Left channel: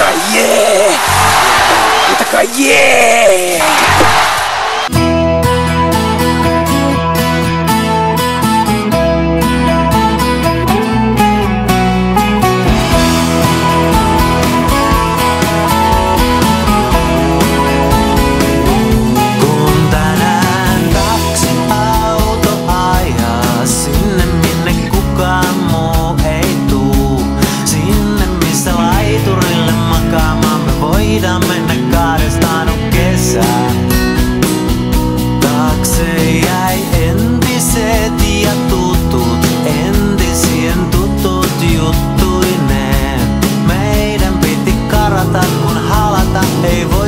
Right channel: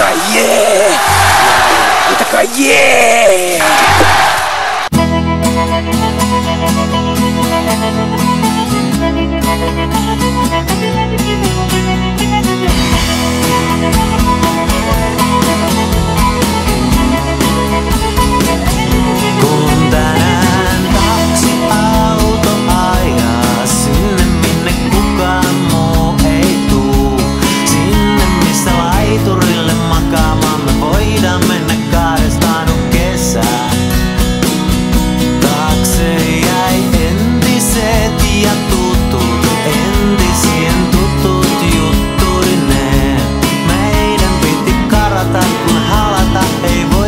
Huutakaa jee! Huutakaa jee! Kun tänään taksiauto ajaa sinne minne kukaan muu ei tuu, sinne missä laiturille makaamaan me voidaan mennä kahdestaan kesää. Taakse jäi entiset ja tutut, entisien tutut juttuineen. Meidän piti karata kun halata ei voi.